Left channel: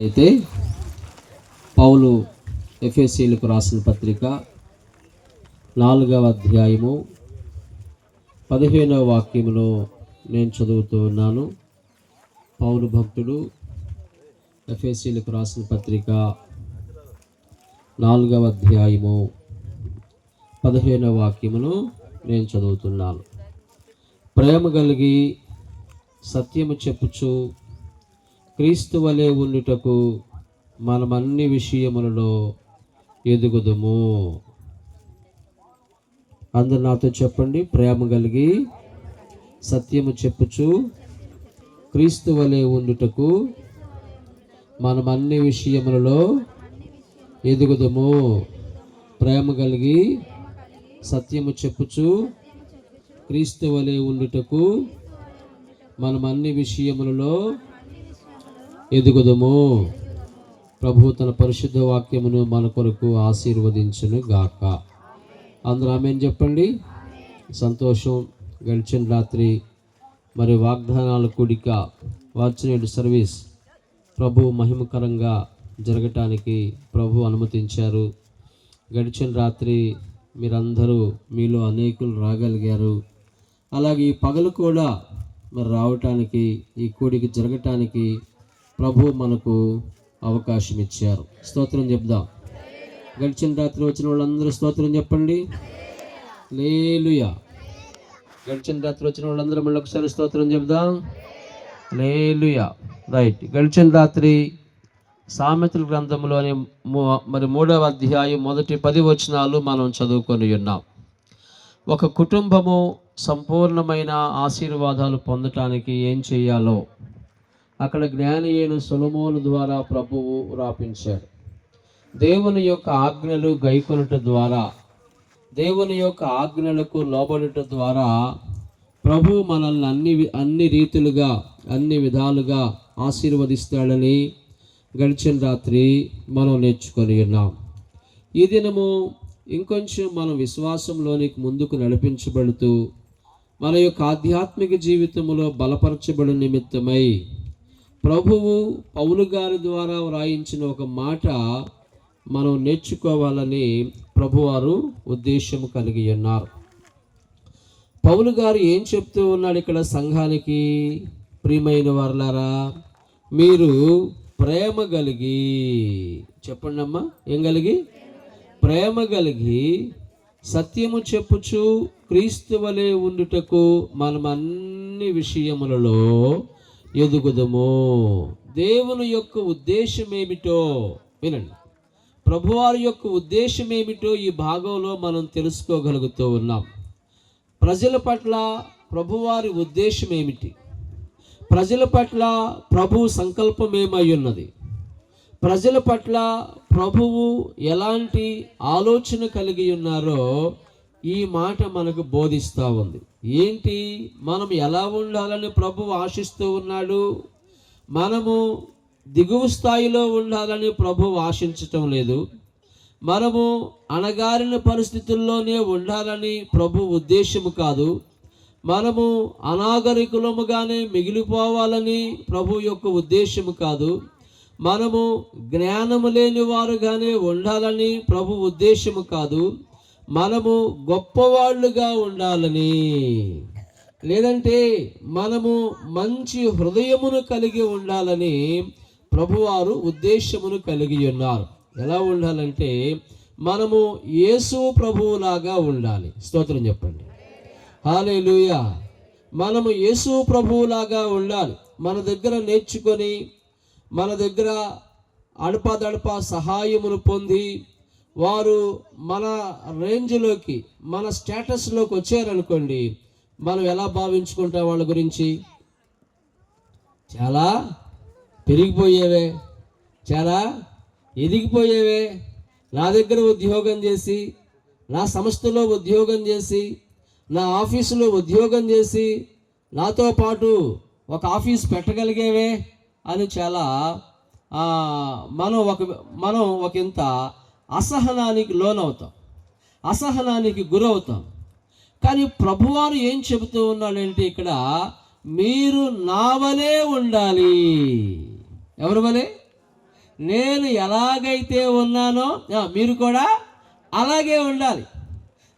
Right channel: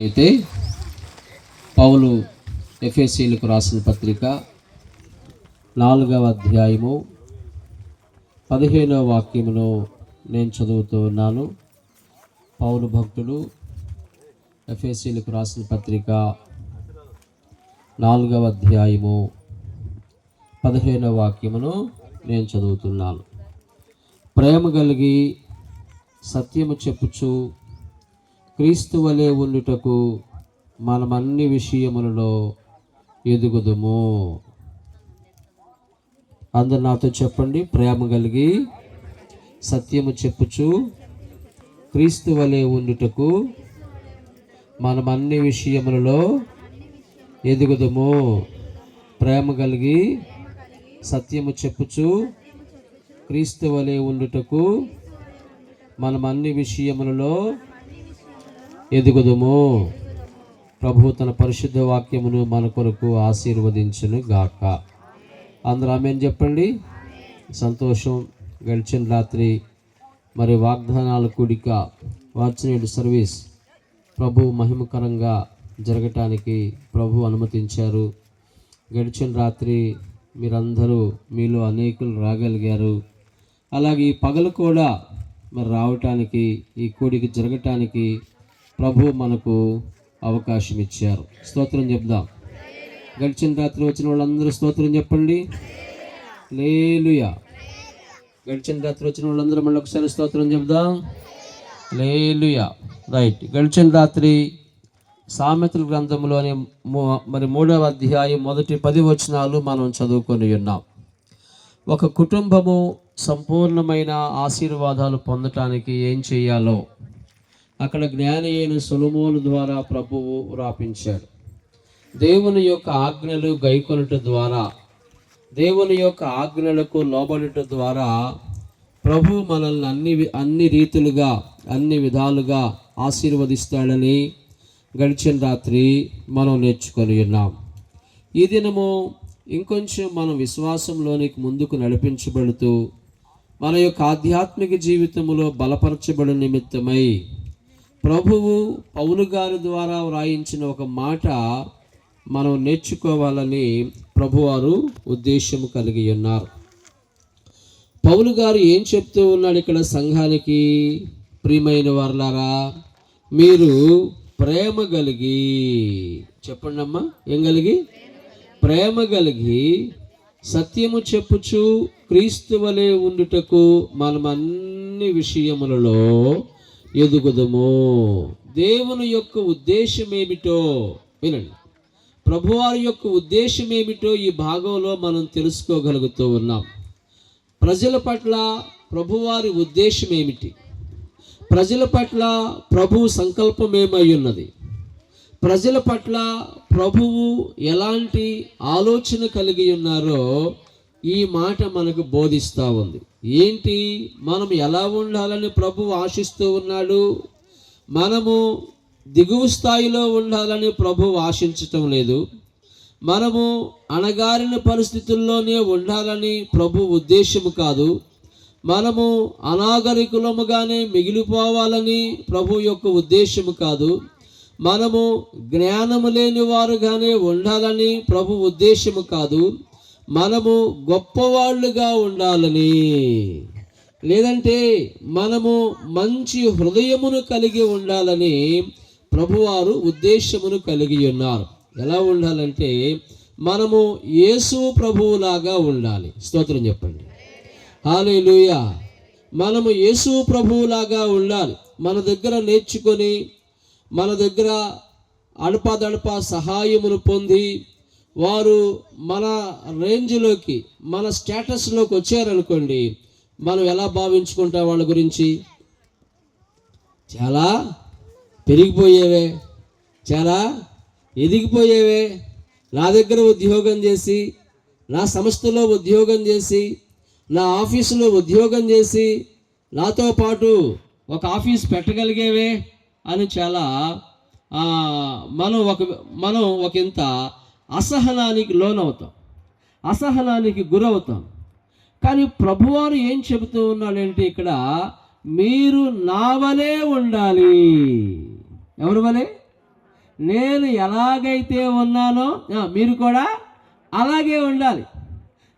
అయితే పౌలు ఎఫెసీయులకు రాసిన పత్రిక 4వ అధ్యాయము 15వ వాక్యములో నేను చదువుతూ ఉన్నాను. పౌలు భక్తుడు ఎఫెసీయులకు రాసిన పత్రిక 4వ అధ్యాయము 15వ వాక్యమును నేను చదువుతున్నాను. ప్రేమ కలిగి సత్యము చెప్పుచు క్రీస్తు వలె ఉండుటకు మనమన్ని విషయములలో ఎదుగుదుము. అందరు నాతో చెప్పండి. ప్రేమ కలిగి సత్యము చెప్పుచు క్రీస్తు వలె ఉండుటకు మనమన్ని విషయములలో ఎదుగుదుము. ప్రేమ కలిగి సత్యము చెప్పుచు క్రీస్తు వలె ఉండుటకు మనమన్ని విషయములలో ఎదుగుదుము. ప్రభు తన పరిశుద్ధ వాక్యమును మన కొరకు ఆశీర్వదించును గాక. అందరూ ఆమేన్ చెప్పండి. సంతోషం. గడిచిన రాత్రి మరి వాగ్దానాల కూడిక వార్చినేడు సర్వీస్ ప్రభు మహిమకరంగా జరగటానికి ప్రభు అనుమతించారు. గడిచిన రాత్రి మీరందరూ మీలో అనేకులు రాగలిగారు. అలాగే ఈ పగలు కూడా మరి రావటానికి ఈ కూడిక జరగటానికి ప్రభు మనకు అవకాశం ఇచ్చారు. స్తోత్రం చెప్దాం. గడిచిన రాత్రి వచ్చిన వాళ్ళందరూ స్తోత్రం చెప్పండి. హల్లెలూయా. గడిచిన రాత్రి వచ్చిన వాళ్ళందరూ మళ్ళీ ఒకసారి స్తోత్రం చెప్దాం. హల్లెలూయా. రైట్. గడిచిన రాత్రి సామెతల గ్రంథంలోని మరి 3వ అధ్యాయం మొదటి 10 వచనాలు మనం చదువుకొని ఉన్నాం. ఒక కుటుంబము సంపూర్ణమైన ఆశీర్వాదాలు పొందటానికి ఏం చేయాలో అక్కడ జ్ఞాని అయిన సొలొమోను ద్వారా ప్రభువు రాపించాడు. దేవుని యొక్క ఆజ్ఞలు గైకొనుట ద్వారా, దేవుని యొక్క ఆజ్ఞలకు లోబడుట ద్వారా ప్రభు మనల్ని అన్ని రీతులుగా అన్ని విధాలుగా ఆశీర్వదిస్తాడని గడిచిన రాత్రి మనం నేర్చుకొని ఉన్నాం. ఈ దినము ఇంకొంచెం మనం విశ్వాసంలోనికి ముందుకు నడిపించబడుతూ మన యొక్క ఆధ్యాత్మిక జీవితంలో బలపరచబడు నిమిత్తమై ప్రభువు పౌలు గారి ద్వారా వ్రాయించిన ఒక మాట మనం నేర్చుకోవాలని ప్రభువారు ఉద్దేశం కలిగి ఉన్నారు. పౌలు గారు ఏం చెప్తూ ఉన్నాడు ఇక్కడ సంఘానికి? ప్రియమైన వారలారా, మీరు ప్రేమ కలిగి, చెప్పండి అమ్మా, ఏం కలిగి? ప్రేమ కలిగి సత్యము చెప్పుచు క్రీస్తు వలె ఉండుటకు మనమన్ని విషయములలో ఎదుగుదము. దేవుని యొక్క ఉద్దేశం ఏమిటో వినండి. ప్రభువారి యొక్క ఉద్దేశం ఏమిటో ఈ భాగంలో మనం తెలుసుకోగలుగుతూ ఉన్నాం. ప్రజల పట్ల ప్రభువారి ఉద్దేశం ఏమిటి? ప్రజల పట్ల ప్రభు సంకల్పం ఏమై ఉన్నది? ప్రజల పట్ల ప్రభువు ఎలాంటి ఆలోచన కలిగి ఉన్నారో ఈ మాట మనకు బోధిస్తూ ఉంది. ఏంటి? మనం ఎలా ఉండాలని ప్రభువు ఆశిస్తూ ఉన్నాడు. మనము దిగువ స్థాయిలో ఉండాలని ప్రభువు ఆశించటం లేదు. మనము అణగారిన పరిస్థితుల్లోనే ఉండాలని ప్రభు ఉద్దేశము కాదు. మనము అనాగరికులముగానే మిగిలిపోవాలని ప్రభు యొక్క ఉద్దేశము కాదు. మనము జ్ఞానము లేని వారుగానే ఉండాలని ప్రభు ఉద్దేశము కాదు. మనము గొప్పవాళ్ళుగా ఉండాలని, లేదంటే మనము మంచి హృదయమును కలిగి ఉండాలని ప్రభువారు ఉద్దేశమును కలిగి ఉన్నారు. ఎలా ఉండాలంటే మనము యేసు ప్రభువులాగా ఉండాలి. స్తోత్రం చెప్పండి. హల్లెలూయా. మనము యేసు ప్రభువులాగా ఉండాలి. మన దగ్గర నేర్చుకొని, మన దగ్గర అడపాదడపా సహాయమును పొంది వారు మన రేంజ్లోకి, మన స్టేటస్లోకి వచ్చారనుకోండి, మనం ఎలా భావించుకుంటాం వాళ్ళ గురించి? చాలా పెరిగిపోయేవే, చాలా ఎదిగిపోయేవే, నా దగ్గర ఉద్యోగం చేసి, నా సంస్థలో ఉద్యోగం చేసి, నా ఆఫీసులో ఉద్యోగం చేసి, నాతో పాటు ఒక ఆఫీస్ పెట్టగలిగేవే అని చాలా మనం ఒకంత అసహనానికి లోనవుతాం, అసహనానికి గురవుతాం. కానీ ప్రభువారు ఏం చెబుతూ ఉన్నాడంటే ఇక్కడ మీరు నా వలే ఉండాలి. ఎవరి వలే? నేను ఎలాగైతే ఉన్నానో మీరు కూడా అలాగే ఉండాలి.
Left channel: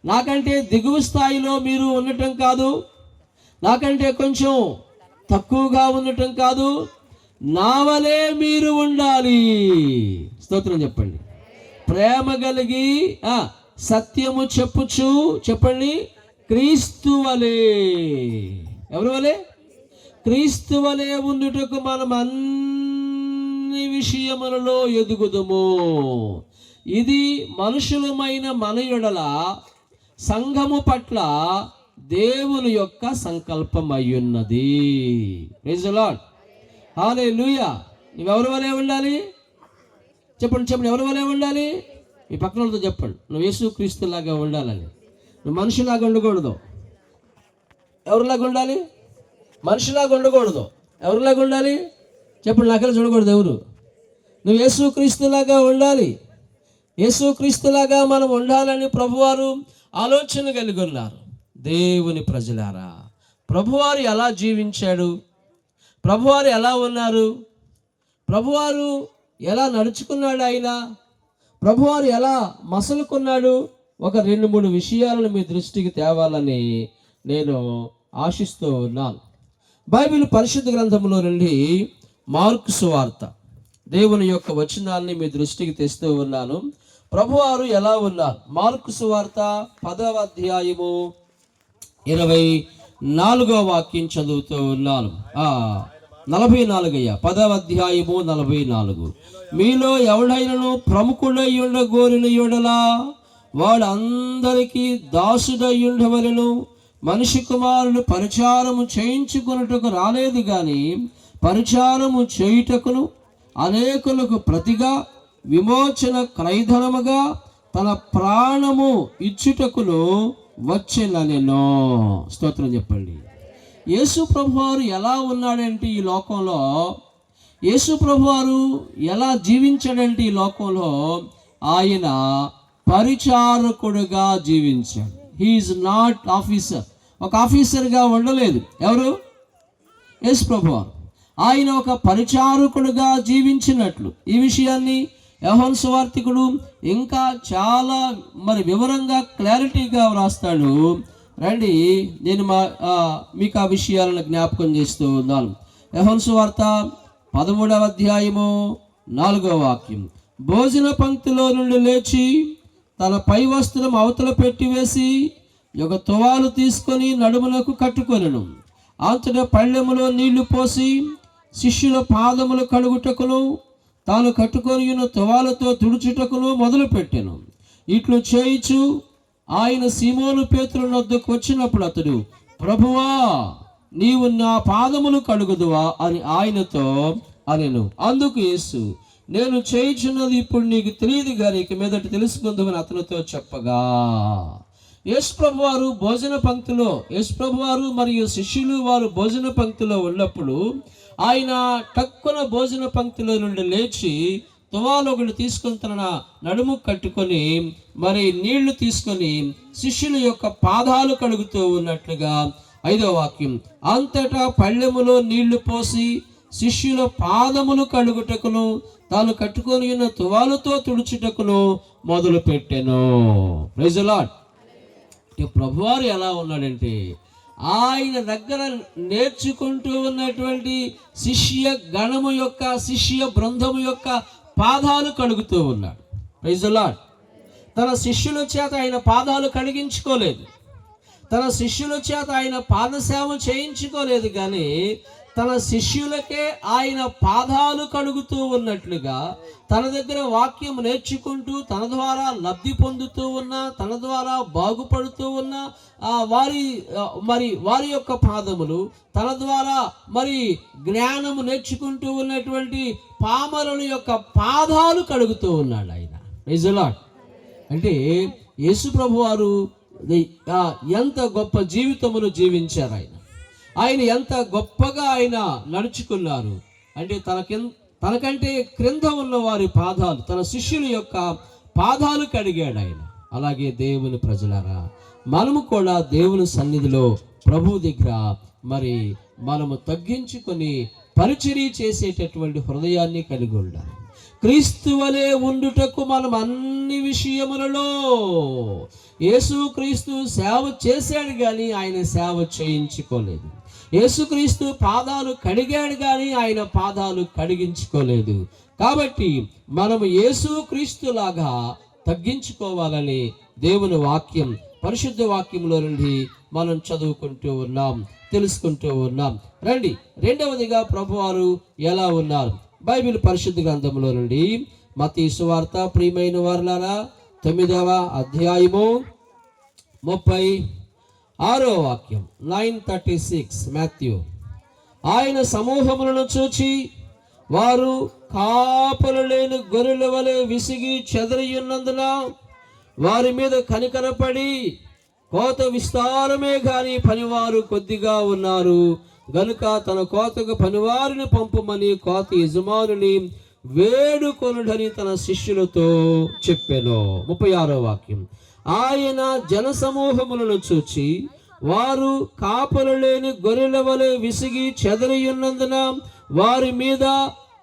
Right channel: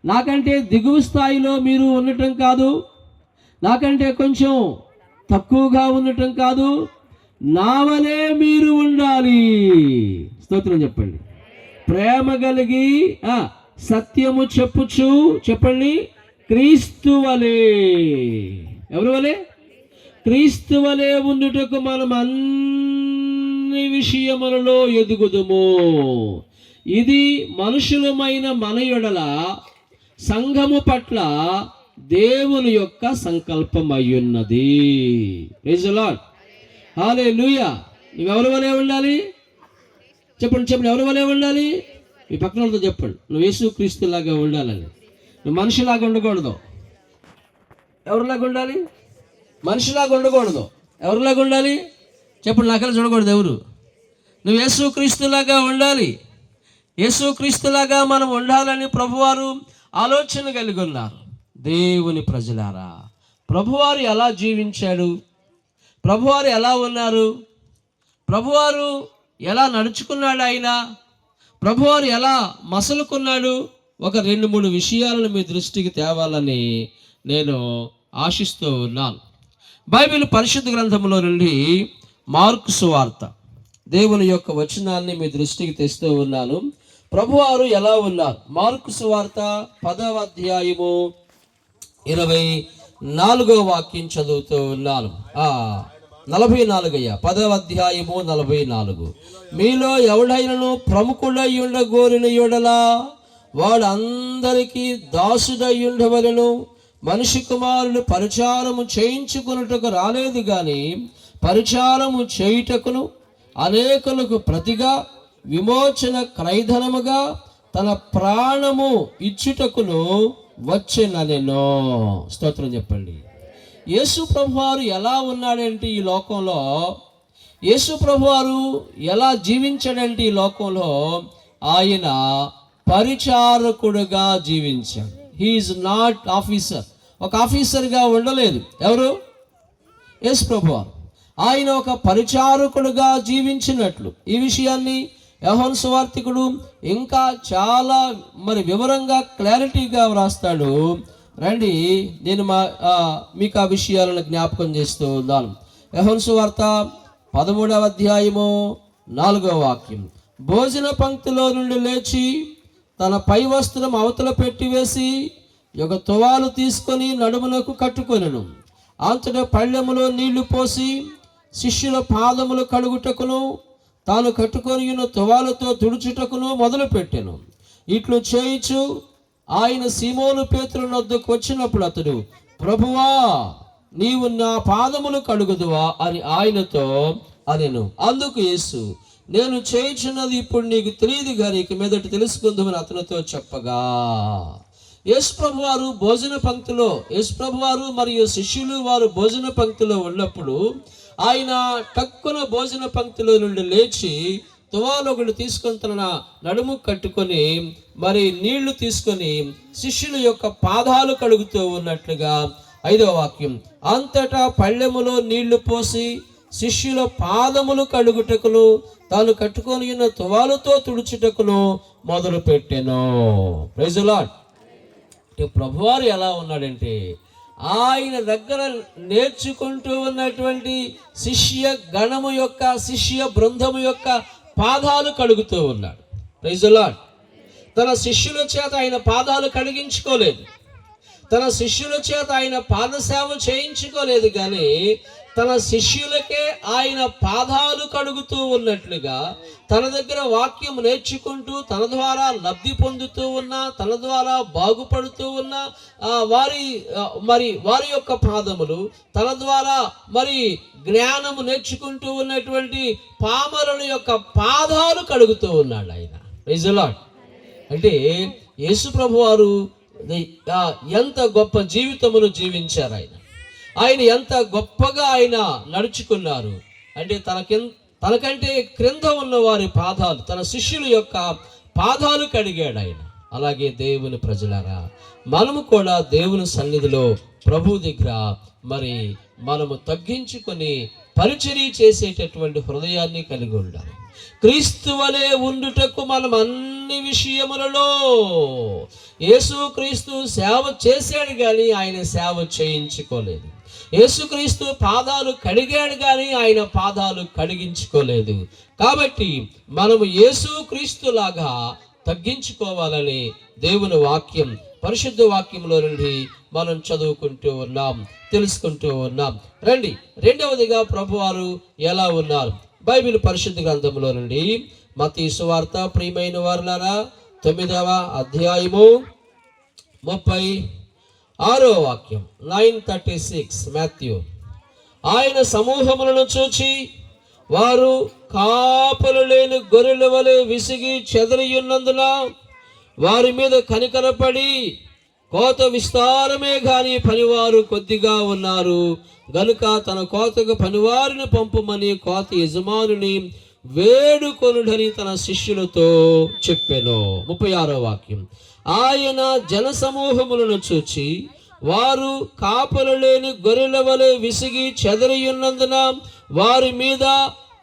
నాకంటే దిగువ స్థాయిలో మీరు ఉండటం కాదు, నాకంటే కొంచెం తక్కువగా ఉండటం కాదు, నా వలే మీరు ఉండాలి. స్తోత్రం చెప్పండి. ప్రేమ కలిగి సత్యము చెప్పుచు, చెప్పండి, క్రీస్తు వలే. ఎవరి వలే? క్రీస్తు వలే ఉండుటకు మనం అన్ని విషయములలో ఎదుగుదుము. ఇది మనుషులమైన మన యెడల సంఘము పట్ల దేవుని యొక్క సంకల్పం అయ్యున్నది. Praise the lord. హల్లెలూయా. నువ్వెవరి వలే ఉండాలి? చెప్పండి. ఎవరి వలే ఉండాలి? మీ పక్కన వాళ్ళతో చెప్పండి, నువ్వు యేసుక్రీస్తులాగా ఉండాలని. నువ్వు మనిషిలాగా ఉండకూడదు. ఎవరిలాగా ఉండాలి? మనిషిలాగా ఉండకూడదు. ఎవరిలాగా ఉండాలి? చెప్పండి. నాకెళ్ళి చూడకూడదు ఎవరు. నువ్వు యేసుక్రీస్తులాగా ఉండాలి. యేసుక్రీస్తులాగా మనం ఉండాలని ప్రభువారు ఆలోచన కలిగి ఉన్నారు. దేవుని ప్రజలారా, ప్రభువారు ఎలా జీవించాడు, ప్రభువారు ఎలా ఉన్నారు, ప్రభువారు ఎలా నడుచుకున్నాడు, ఆయన ప్రభువారు ఎలా మసలుకున్నాడు, ఒక 2-3 విషయాలను మీ దృష్టికి తేవాలని నేను ఆశిస్తూ ఉన్నాను. బైబిల్ పరిశుద్ధ గ్రంథంలో నుండి మార్కు సువార్త దేవుని యొక్క వచనాన్ని మీ దృష్టికి తెస్తూ ఉన్నాను. ప్రభువారు ఎలా ఉన్నారు? మార్కు సువార్త 10వ అధ్యాయము 24వ వాక్యం చదువుతూ ఉన్నాను. 44 10వ అధ్యాయము 44. మీలో ఎవడైనను ప్రముఖుడై ఉండగోరిన యెడల వాడు అందరికీ దాసుడై ఉండవలెను. మనిషి కుమారుడు పరిచారము చేయించుకున్నట్టుకు రాలేదు గాని పరిచారము చేయుటకును అనేకులకు ప్రతిగా విమోచన క్రయధనముగా తన ప్రాణము ఇచ్చుటకును వచ్చెననెను. స్తోత్రం చెప్పండి. యేసు ప్రభువారు ఎలా ఉన్నాడంటే ఈ లోకంలో, యేసు ప్రభువారు ఎలా జీవించాడంటే ఈ లోకంలో, ఆయన పరిచారకుడుగా జీవించాడు. He is not officer. ఒక ఆఫీసర్గా ఉండలేదు. ఎవరు? యేసు ప్రభువారు. ఆయన ఒక పరిచారకుడుగా జీవించినట్లు ఈ విషయాన్ని యోహాను సువార్తికుడు ఇంకా చాలా వివరంగా క్లారిటీగా వ్రాస్తాడు. రండి, నేను మీకు ఆ విషయాలను జ్ఞాపకం చేస్తూ ఉన్నాను. యోహాను సువార్త 13వ అధ్యాయము 4వ వాక్యం. భోజన పంక్తిలో నుండి లేచి తన పై వస్త్రం అవతల పెట్టివేసి ఒక తువాలు తీసుకొని నడుములకు కట్టుకొనెను. అంతటా పళ్ళెములో నీళ్లు పోసి శిష్యుల పాదములు కడుగుటకును తాను కట్టుకొని ఉన్న తువాలతో తుడుచుటకును మొదలుపెట్టెను. ఇట్లు చేయిచు ఆయన సీమోను పేతురు వద్దకు వచ్చినప్పుడు అతడు, ప్రభువా, నీవు నా పాదములు కడుగుదువా అని ఆయనతో అనెను. అందుకు యేసు, నేను చేయుచున్నది ఇప్పుడు నీకు తెలియదు గాని ఇక మీదట తెలుసుకుందామని అతనితో చెప్పగా, యేసు ప్రభువారు భోజన పంక్తిలో, యేసు ప్రభువారు మరియు శిష్యులు వారు భోజన పంక్తిలో ఉన్నప్పుడు ఆయన టక్కున భోజన పంక్తిలో నుండి లేచి తువాలొకడు తీసుకొని తన నడుము కట్టుకొని నీళ్లు తీసుకొని శిష్యుల యొక్క పాదాలు కడుగుతూ ఉన్నట్లుగా 5వ వాక్యం. అంతటా పళ్ళెములో నీళ్లు పోసి శిష్యుల పాదములు కడుగుటకును తాను కట్టుకొని ఉన్న తువాలతో తుడుచుటకును మొదలు పెట్టెను. Praise the Lord. ప్రభువారు ఎలా ఉన్నాడంటే, ఆయన దగ్గర నేర్చుకుంటూ ఉన్నటువంటి శిష్య గణము యొక్క, శిష్య బృందము యొక్క పాదాలు కడుగుతూ ఉన్నాడు. Praise the Lord. తన శిష్యుల చేత ఆయన పాదాలు కడిగించుకోలేదు, తన శిష్యుల చేత ఆయన పాదసేవ చేయించుకోలేదు, కానీ తన శిష్యులకే ఆయన పాదాలు కడుగుతూ ఉన్నట్లుగా తన దగ్గర వాక్యం నేర్చుకుంటూ తన ద్వారా లబ్ధి పొందుతూ ఉన్న, తన ద్వారా బాగుపడుతూ ఉన్న వారి యొక్క పాదములు, తన ద్వారా జ్ఞానము నేర్చుకుంటూ ఉన్నటువంటి పామరుల యొక్క పాదాలు కడుగుతూ ఉన్నాడు ఆయన. Praise the Lord. అంటే యేసు ప్రభు వారు ఎంత గొప్ప జీవితమును జీవించారు. ఆయన ఎంత గొప్పగా ఆయన నడుచుకున్నారు అంటే తనకంటే క్రింద ఉన్న వారి పాదాలు, తన శిష్యుల యొక్క పాదాలు కడిగాడు ఆయన. అలాగే దేవుని ప్రజలారా, మనము కూడా దేవుని సన్నిధిలో ప్రభు దగ్గర మనము తగ్గించుకొని పరిచర్య చేసేటటువంటి హృదయాన్ని కలిగి ఉండాలి. క్రీస్తు వలె ఉండుటకు మనం అన్ని విషయములలో, యేసుక్రీస్తు సేవ చేశాడు కానీ ఆయన సేవ చేయించుకోలేదు. యేసుక్రీస్తు పాదాలు కడిగాడు కానీ ఆయన పాదాలు కడిగించుకోలేదు. కాబట్టి మనము యేసుక్రీస్తులాగా తగ్గించుకోవాలని దేవుని వాక్యం, పరిశుద్ధ వాక్యంలో నుండి మనం చదువుకుంటూ ఉన్నాం, తెలుసుకుంటూ ఉన్నాం. రండి, రెండవదిగా ప్రభువారు ఎలా ఉన్నారు? బైబిల్ పరిశుద్ధ గ్రంథంలో నుండి మత్తయి సువార్త, ప్రియమైన వారులారా, 9వ అధ్యాయము 36వ వాక్యం, 9:36 మాథ్యూ. ఆయన సమూహములను చూచి వారు కాపలు లేని గొర్రెల వలె విసిగి చెదరియున్నందున వారి మీద కనికరపడి, కోత విస్తారమే గాని పనివారు కొద్దిగా ఉన్నారు గనుక తన కోతకు పనివారిని పంపమని కోత యజమానుని వేడుకొనుడని తన శిష్యులతో చెప్పెను. 36వ వాక్యం. ఆయన జనసమూహములను చూచి వారు కాపలు లేని గొర్రెల వలె విసిగి చెదరియున్నందున వారి మీద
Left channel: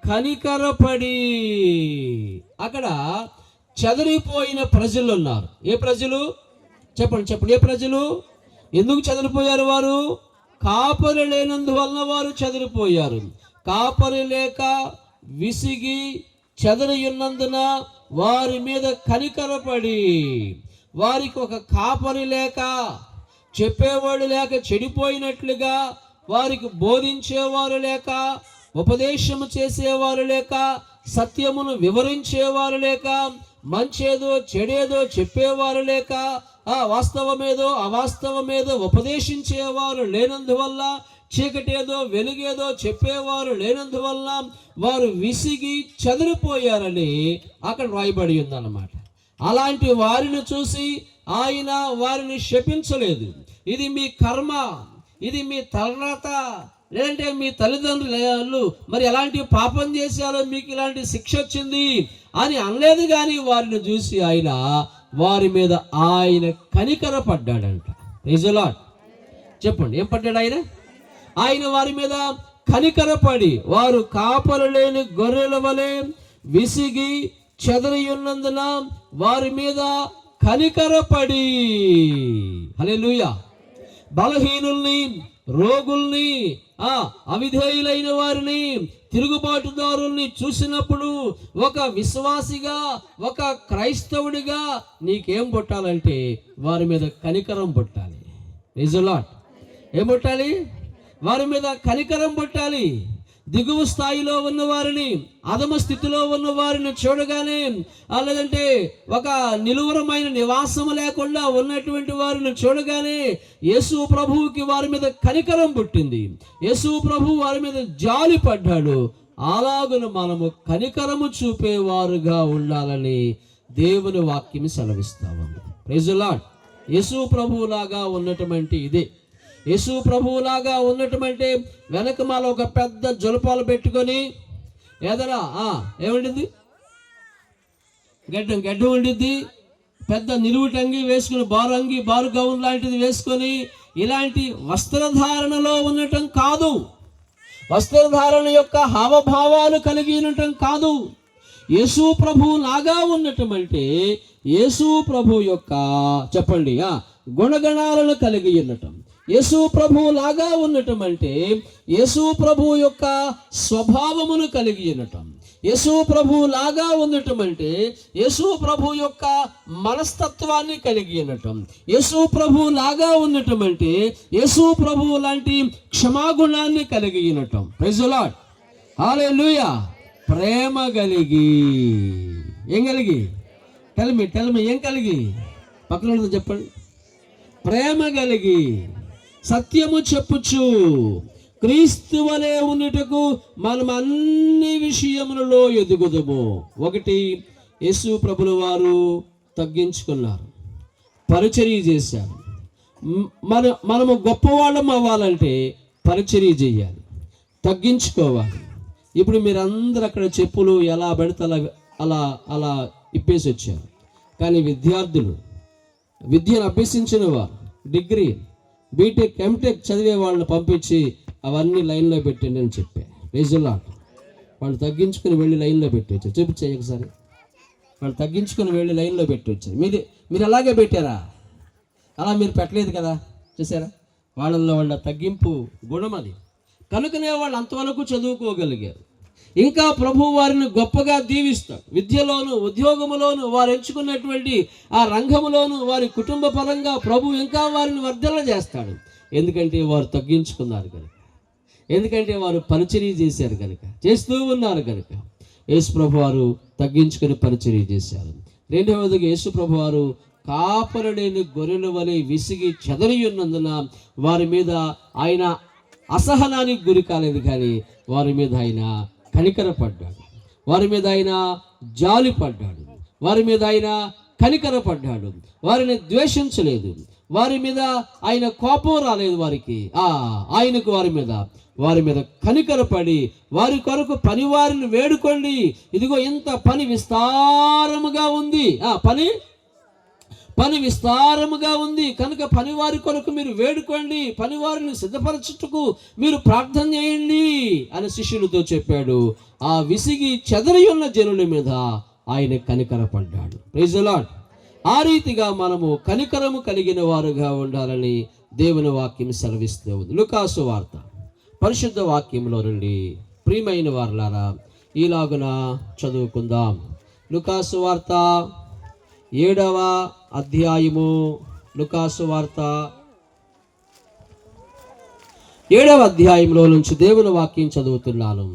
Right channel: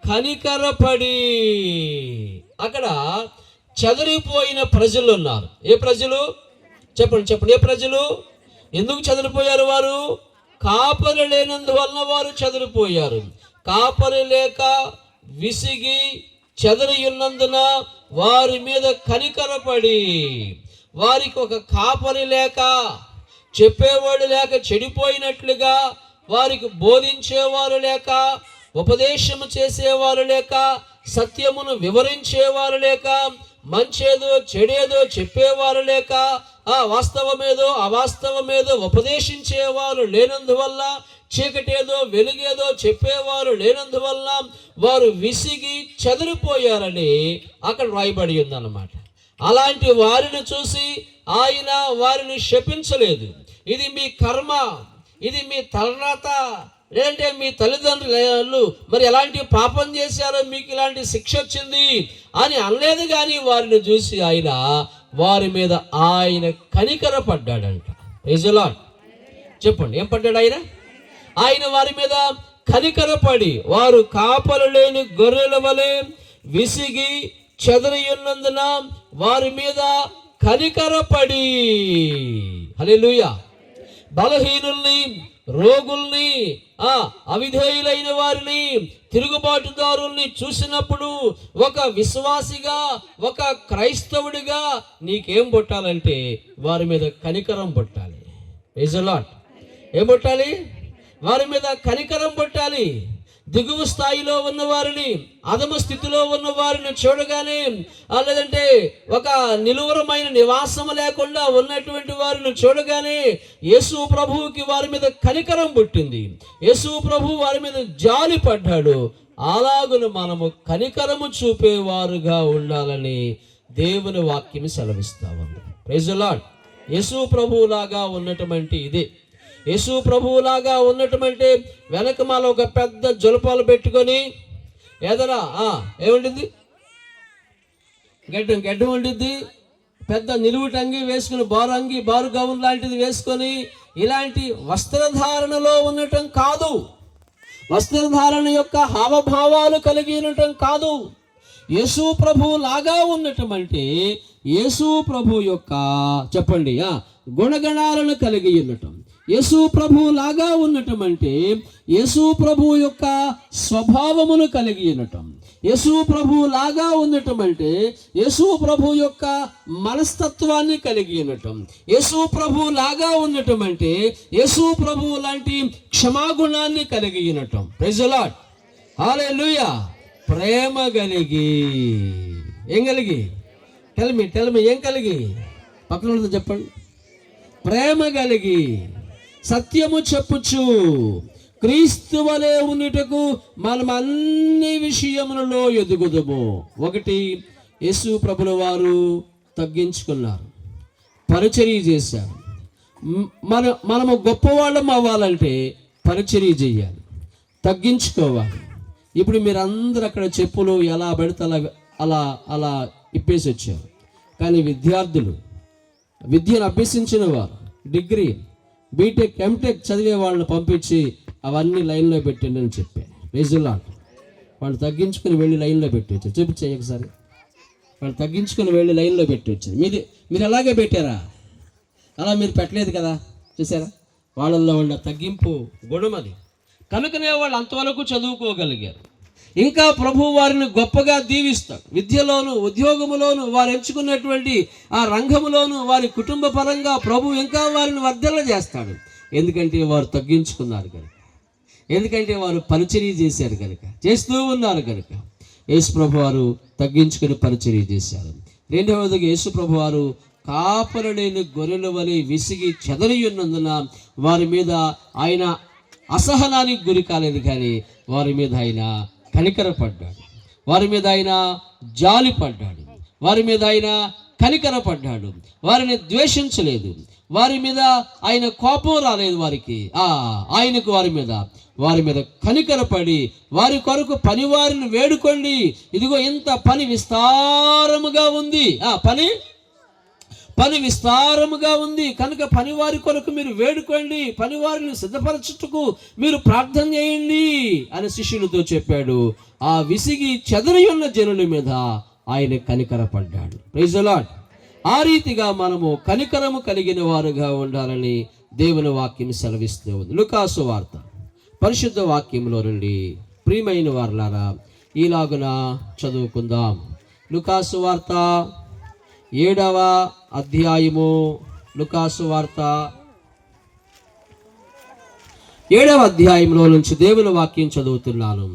కనికరపడి. అక్కడ చెదరిపోయిన ప్రజలు ఉన్నారు. ఏ ప్రజలు? చెప్పండి. ఏ ప్రజలు? ఎందుకు చెదరిపోయారు? వారు కాపరి లేనందువలన వారు చెదరిపోయారు. కాపరి లేక విసిగి చెదరియున్నందున వారి మీద కనికరపడి, వారికి ఒక కాపరి లేక, చెప్పేవాడు లేక, చెడిపోయినట్లుగా వారికి బోధించేవారు లేక, ఉపదేశము చేసేవారు లేక, సత్యమును వివరించేవారు లేక, మంచేదో చెడేదో చెప్పేవారు లేక, వాస్తవమేదో అవాస్తవమేదో ఉపదేశించేవారు లేనందువల్ల, చీకటేదో వెలుగేదో చెప్పేవారు లేనందువల్ల వారు విసిగి చెదిరిపోయారని అక్కడ రాయబడి ఉందన్నమాట. అలాంటి వారిని చూసి ఆయన వారిని శపించలేదు. ఇది మీ కర్మ, ఇది మీ తలరాత, లేదంటే మీ తల్లిదండ్రులు మరి ఎలాంటి పాపం చేశారో మీకు ఇలాంటి శిక్ష వచ్చింది అని అనలేదు. కానీ వారిని చూసి ఆయన వారి మీద ఆయన కనికర పడ్డాడంట. Praise the lord. చెప్పండి, ఏం పడ్డాడు ఆయన? ఆయన వారి మీద కనికరపడి, వారు కాపలు లేని గొర్రెల వలె విసిగి చెదరియున్నందున వారి మీద కనికరపడి. హల్లెలూయా. బలహీనుల్ని, రోగుల్ని, అవిధేయులైన వారిని, తిరుగుబాటుదారుల్ని చూసినప్పుడు ఒక విశ్వాసిగా, ఒక క్రైస్తవుడిగా నీకేం పుట్టాలంటే వారి మీద కనికరం పుట్టాలి. Praise the Lord. ఏం పుట్టాలి? వారి మీద కనికరం పుట్టాలి. దిగువ స్థాయిలో ఉన్న వారిని, అధమ స్థితిలో ఉన్న వారిని చూడగానే, లేదంటే ఒక నిలువరమైన నివాసము లేకుండా ఉన్నటువంటి వారిని చూడగానే యేసు ప్రభువుకి వారి మీద కనికరం పుట్టింది. యేసు ప్రభు వారి మీద జాలి పడ్డాడు. అలాగున మనము కనికరము చూపేవారుగా ఉండాలని దేవుని వాక్యం సెలవిస్తా ఉంది. Praise the lord. యేసు ప్రభువులాగా ఉన్నటువంటి ఇదే. యేసు ప్రభువులాగా ఉన్నటువంటి వెనకమాల ఒక పెద్ద జులపాలు పెట్టుకొని, ఏదైనా ఏముండిద్ది? గడ్డం ఉండిద్ది. పెద్ద నిలువుటంగి వేసుకుని, బారు గౌన్ లాంటిది వేసుకొని, ఇలాంటి వస్త్రధారణలో ఉండటం కాదు. వస్త్రధారణ యొక్క హావభావాలు కలిగి ఉండటం కాదు. యేసు ప్రభు లాగా ఉండటం అంటే యేసు ప్రభు యొక్క, చెప్పండి, గుణగణాలను కలిగి ఉండటం. యేసు ప్రభు లాగా ఉండటం అంటే యేసు ప్రభు యొక్క స్వభావమును కలిగి ఉండటం. యేసు ప్రభు లాగా ఉండటం అంటే యేసు ప్రభు యొక్క మనస్తత్వాన్ని కలిగి ఉండటం. యేసు ప్రభు లాగా ఉండటం అంటే యేసు ప్రభు లాంటి క్షమాగుణాన్ని కలిగి ఉండటం. Praise the lord. హల్లెలూయా. ప్రేమ కలిగి, ఏం కలిగి? టెల్ మీ ఏం కలిగి? పక్కన చెప్పండి. ప్రేమ కలిగి, సత్యము చెప్పుచు క్రీస్తు వలె ఉండుటకు మనం అన్ని విషయములలో ఎదుగుదము. ఒకటి, యేసు ప్రభుల వారు తగ్గించుకున్నారు, పరిచర్య చేశారు. మనము గొప్పవాళ్ళం అవ్వాలంటే పరిచర్య చేయాలి, తగ్గించుకోవాలి. ఇప్పుడు మీరందరూ అక్కడ చెప్పులు ఎలా పడితే అలా ఇప్పేసి వచ్చారు. కానీ విద్యార్థులు, విద్యను అభ్యసించిన వారు, డిగ్రీ, బీటెక్, ఎంటెక్ చదివే వాళ్ళని పంపించి అవన్నీ లైన్లో పెట్టండి అని చెప్పారు. Praise the Lord. వాళ్ళు తగ్గించుకుని వెళ్ళి లైన్లో పెట్టవచ్చు. చూపించే ఒకసారి. వాళ్ళు తగ్గించుకుని వెళ్ళి లైన్లో పెట్టవచ్చు. మీరు అలాగే పెట్టారా? అలా మీరు పెట్టలేదు కదా, చూసారా? వాళ్ళల్లో ఉన్న తగ్గింపు గుణం అది. కనుకనే వాళ్ళు అంతవరకు చదువుకోగలిగారు. ఇంకా ప్రభు వారిని గొప్పగా దీవిస్తాడు. విద్యలోను, ఉద్యోగములోను, వారు ఎంచుకున్నటువంటి ఆ రంగములోను, వారి కుటుంబ పరంగా ప్రభు ఇంకా వారిని వర్ధల చేస్తాడు. ఎందుకంటే వారు తగ్గించుకున్నారు కనుక, ఎందుకంటే వారు పరిచర్య చేశారు కనుక, చేస్తూ ఉన్నారు కనుక. యేసు ప్రభు వారు తగ్గించుకుని పరిచర్య చేశారు. రెండవదిగా యేసు ప్రభు వారు కాపరి లేని గొర్రెల వలె విసిగి చెదరి ఉన్నందున వారి మీద ఆయన అసహనానికి గురి కాలేదు, కానీ వారి మీద ఆయన కనికరపడ్డాడు. వారి మీద ఆయన జాలి పడ్డాడు. వారి మీద ఆయన కనికరపడ్డాడు. వారిని ద్వేషించలేదు. వారి మీద ఆయన కోపం రాలేదు. ఆయనకు వారి మీద కనికరపడి వారి కొరకు పనివారిని వేడుకోండి. ఇదిగో ఇంత పని విస్తారముగా ఉంది. పని విస్తారముగా ఉంది కనుక పనివారి కొరకు మీరు వేడుకోండి, పనివారిని సిద్ధపరచుటకు మీరు ప్రార్థన చేయండి అని శిష్యులతో చెప్పాడు. ఆ విసిగి చెదరి ఉన్న జనుల మీద ఆయన కనికరపడ్డాడు. Praise the Lord. ఆ రీతిగా మనము కనికరము కలిగిన వారుగా ఉండాలని దేవుని వాక్యం సెలవిస్తూ ఉంది. లూకాసు వార్త పరిశుద్ధ వాక్యంలో నుండి ప్రియమైన వారులారా ఈలాగున చదువుకుందాం. లూకాసు వార్త 7వ అధ్యాయము. లూకాసు వార్త 7వ అధ్యాయంలో నుంచి దేవుని వాక్యం చదువుతున్నాను.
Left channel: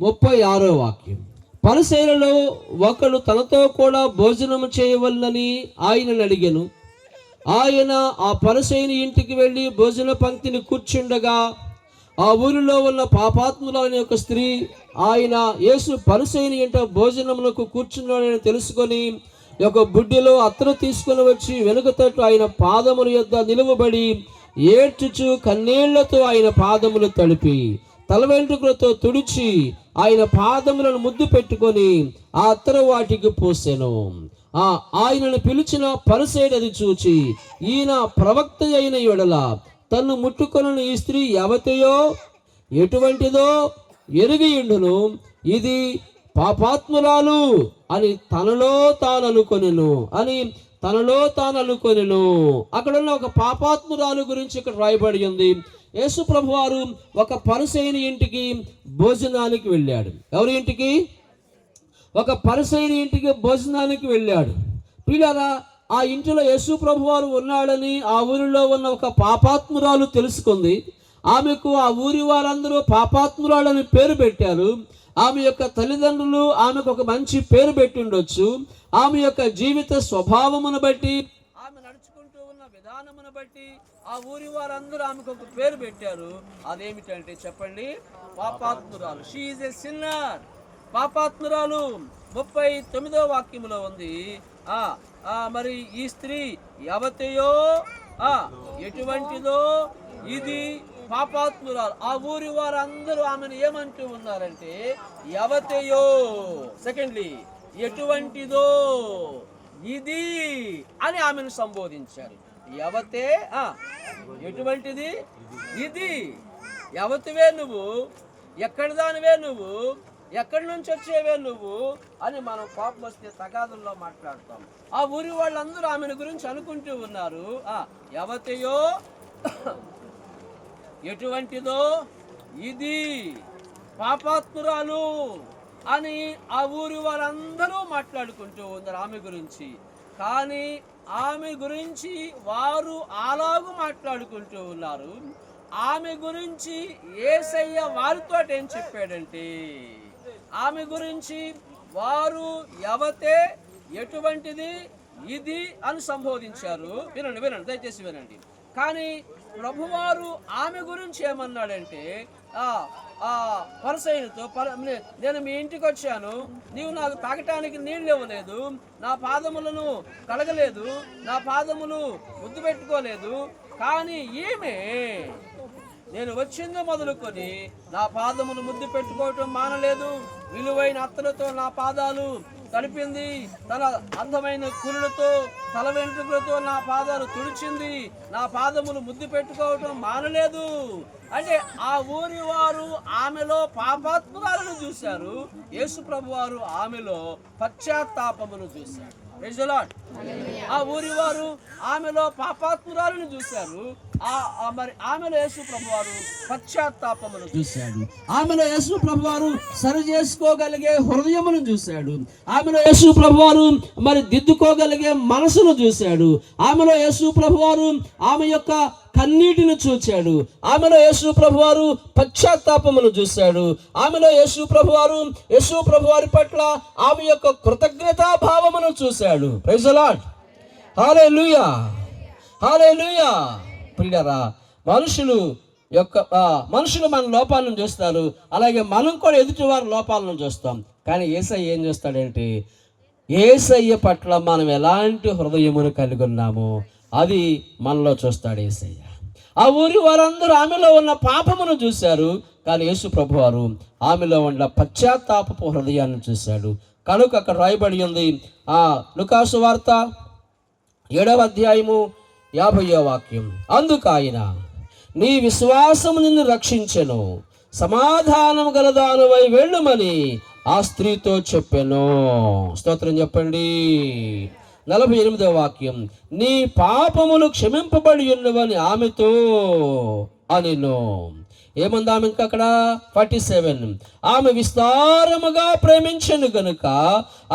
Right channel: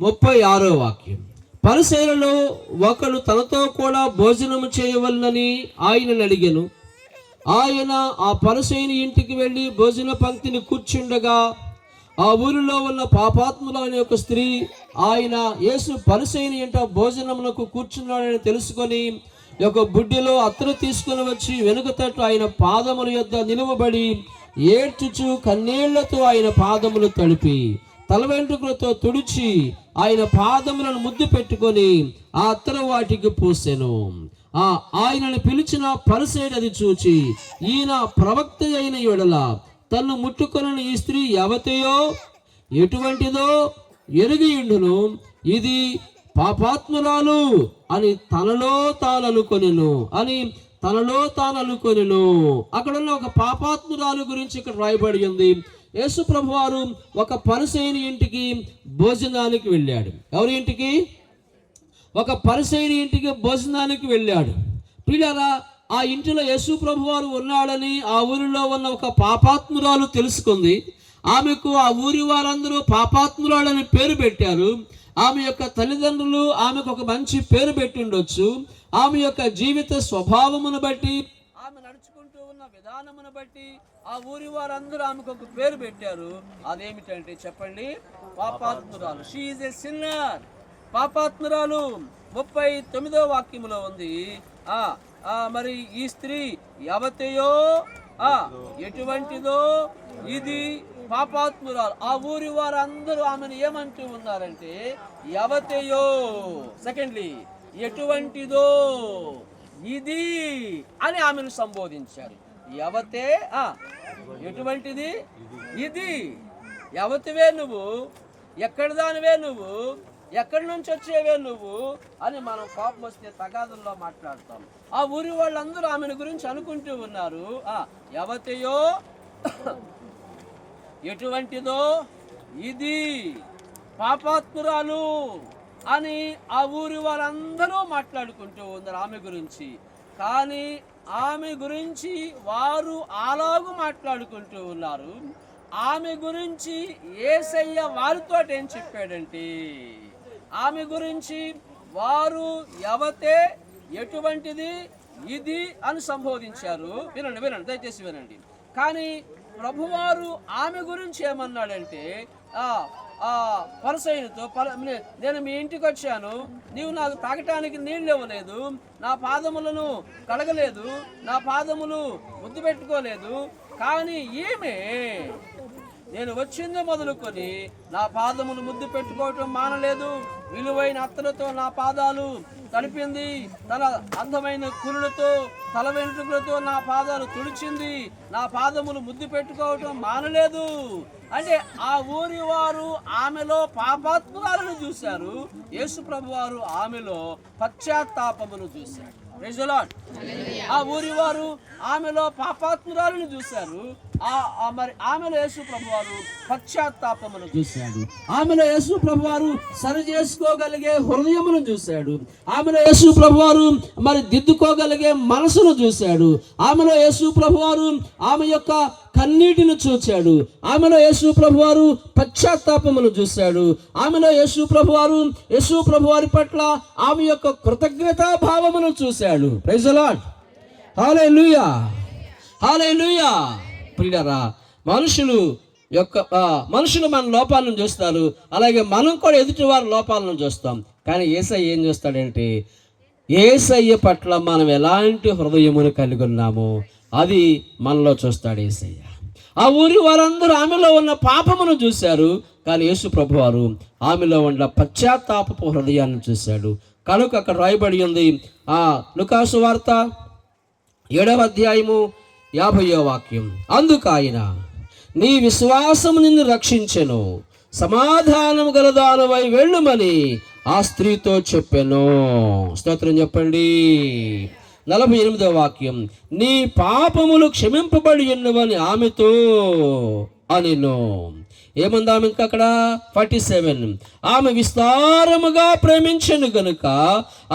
36వ వాక్యం. పరిసయ్యులలో ఒకడు తనతో కూడా భోజనము చేయవలనని ఆయనను అడిగెను. ఆయన ఆ పరిసయ్యుని ఇంటికి వెళ్ళి భోజన పంక్తిని కూర్చుండగా ఆ ఊరిలో ఉన్న పాపాత్ముల అనే ఒక స్త్రీ ఆయన యేసు పరిసయ్యుని ఇంట భోజనములకు కూర్చున్నాడని తెలుసుకొని ఒక బుడ్డిలో అత్తరు తీసుకుని వచ్చి వెనుక తట్టు ఆయన పాదముల యొద్ద నిలువబడి ఏడ్చుచు కన్నీళ్లతో ఆయన పాదములు తడిపి తల వెంట్రుకలతో తుడిచి ఆయన పాదములను ముద్దు పెట్టుకొని ఆ అత్తరు వాటికి పోసెను. ఆయనను పిలిచిన పరిసయ్యుడు అది చూచి, ఈయన ప్రవక్త అయిన యెడల తన్ను ముట్టుకొనని ఈ స్త్రీ ఎవతయో ఎటువంటిదో ఎరిగియుండును, ఇది పాపాత్మురాలు అని తనలో తాను అనుకొనెను. అక్కడ ఉన్న ఒక పాపాత్మురాలు గురించి ఇక్కడ రాయబడి ఉంది. యేసు ప్రభు వారు ఒక పరిసయ్యుని ఇంటికి భోజనానికి వెళ్ళాడు. ఎవరి ఇంటికి? ఒక పరిసయ్యుని ఇంటికి భోజనానికి వెళ్ళాడు. ప్రియులారా, ఆ ఇంటిలో యేసు ప్రభు వారు ఉన్నాడని ఆ ఊరిలో ఉన్న ఒక పాపాత్మురాలు తెలుసుకుంది. ఆమెకు ఆ ఊరి వారందరూ పాపాత్మురాలని పేరు పెట్టారు. ఆమె యొక్క తల్లిదండ్రులు ఆమెకు ఒక మంచి పేరు పెట్టి ఉండొచ్చు. ఆమె యొక్క జీవిత స్వభావమును బట్టి, ఆమె నడుచుకుంటూ ఉన్న విధానమును బట్టి ఆ ఊరి వారందరూ ఆమెకు ఒక పేరు పెట్టారు. అదేమిటంటే చెప్పండి, పాపాత్మురాలు. She is a sinner. పాపాత్మురాలు 39వ వాక్యములో ఉంది. మరి ఈ స్త్రీ ఎవతయో ఎటువంటిదో ఇది పాపాత్మురాలు. ఆ ఊరి వారందరూ ఆమెను ఏమంటూ ఉన్నారంటే ఎవతయో, సెకండ్లీ ఎటువంటిదో ఇది అని ఆమెను సంబోధించారు. ఎవతే ఎటువంటిది ఇది, ఎవతివే నువ్వు, ఎక్కడి దానివే నువ్వు, ఎక్కడి నుంచి వచ్చేవే నువ్వు అని మనం కోపం వస్తే తగాదుల్లో మాట్లాడతాం. ఆ ఊరి వాళ్ళందరూ ఆమెను గురించి అనుకుంటూ ఉన్నారు. ఎవతయో ఎటువంటిదో ఇది పాపాత్మురాలు అని ఆ ఊరి వారందరూ మాట్లాడుకుంటూ ఉన్నారు ఆమె గురించి. కానీ ఆమె గురించి వారు అలాగూ మాట్లాడుకుంటూ ఉన్నారు. ఆమె గురించి యేసయ్య వారితో ఏం చెప్పాడంటే, ఆమె గురించి వారు ఎవతే ఎటువంటిది ఇది అని సంబోధించారు. వినండి దయచేసి వినండి. కానీ ప్రభువారు ఆమె గురించి ఏమన్నాడంటే, పరిసయ్యునితో, నేను మీ ఇంటికి వచ్చాను, నీవు నాకు తాగటానికి నీళ్ళు ఇవ్వలేదు, నా పాదములను కడగలేదు, నా పాదములు ముద్దు పెట్టుకోలేదు, కానీ ఈమె నేను వచ్చింది మొదలుకొని నా పాదములు ముద్దు పెట్టుకోవటం మానలేదు. విలువైన అత్తలతో నా పాదాలు తడిపింది. తన అందమైన కురులతో తల వెంట్రుకలతో నా పాదాలు తుడిచింది. నా పాదములు ముద్దు పెట్టుకోవటం మానలేదు. అంటే ఆ ఊరి వారు ఆమెలో పాపాత్మురాలను చూశారు. యేసు ప్రభు వారు ఆమెలో పశ్చాత్తాపమును చూశారు. Praise the Lord. ఆ ఊరి వారు ఆమెలో పాపాత్మురాలను చూశారు. మరి ఆమెలో యేసు ప్రభు వారు పశ్చాత్తాపమును చూశాడు. ఆమెలో యేసు ప్రభు వారు సరి చేసుకోగలిగే హృదయమును చూశాడు. ఆమెలో యేసు ప్రభు వారు మరి దిద్దుకోగలిగే మనసును చూశాడు. ఆమెలో యేసు ప్రభు వారు ఆమె యొక్క కన్నీటిని చూచాడు. ఆమెలో యేసు ప్రభు వారు పశ్చాత్తాపమును చూశాడు. ఆమెలో యేసు ప్రభు వారి పట్ల ఆమె యొక్క కృతజ్ఞతా భావమును చూశాడు. Praise the lord. Hallelujah, hallelujah. ప్రియులారా, మనుషులు మన లోపాలను చూస్తారు, అలాగే మనం కూడా ఎదుటి వారి లోపాలను చూస్తాం. కానీ యేసయ్య ఏం చూస్తాడంటే, యేసయ్య పట్ల మనం ఎలాంటి హృదయమును కలిగి ఉన్నామో అది మనలో చూస్తాడు యేసయ్య. ఆ ఊరి వారందరూ ఆమెలో ఉన్న పాపమును చూశారు, కానీ యేసు ప్రభు వారు ఆమెలో ఉన్న పశ్చాత్తాపపు హృదయాన్ని చూశాడు. కనుక అక్కడ రాయబడి ఉంది, లూకాసు వార్త 7వ అధ్యాయము 50వ వాక్యం. అందుకు ఆయన, నీ విశ్వాసము నిన్ను రక్షించెను, సమాధానము గలదానువై వెళ్ళుమని ఆ స్త్రీతో చెప్పెను. స్తోత్రం చెప్పండి. 48వ వాక్యం, నీ పాపములు క్షమింపబడి ఉన్నవని ఆమెతో అనెను. ఏముంది ఆమె ఇంకా అక్కడ? 47, ఆమె విస్తారముగా ప్రేమించెను గనుక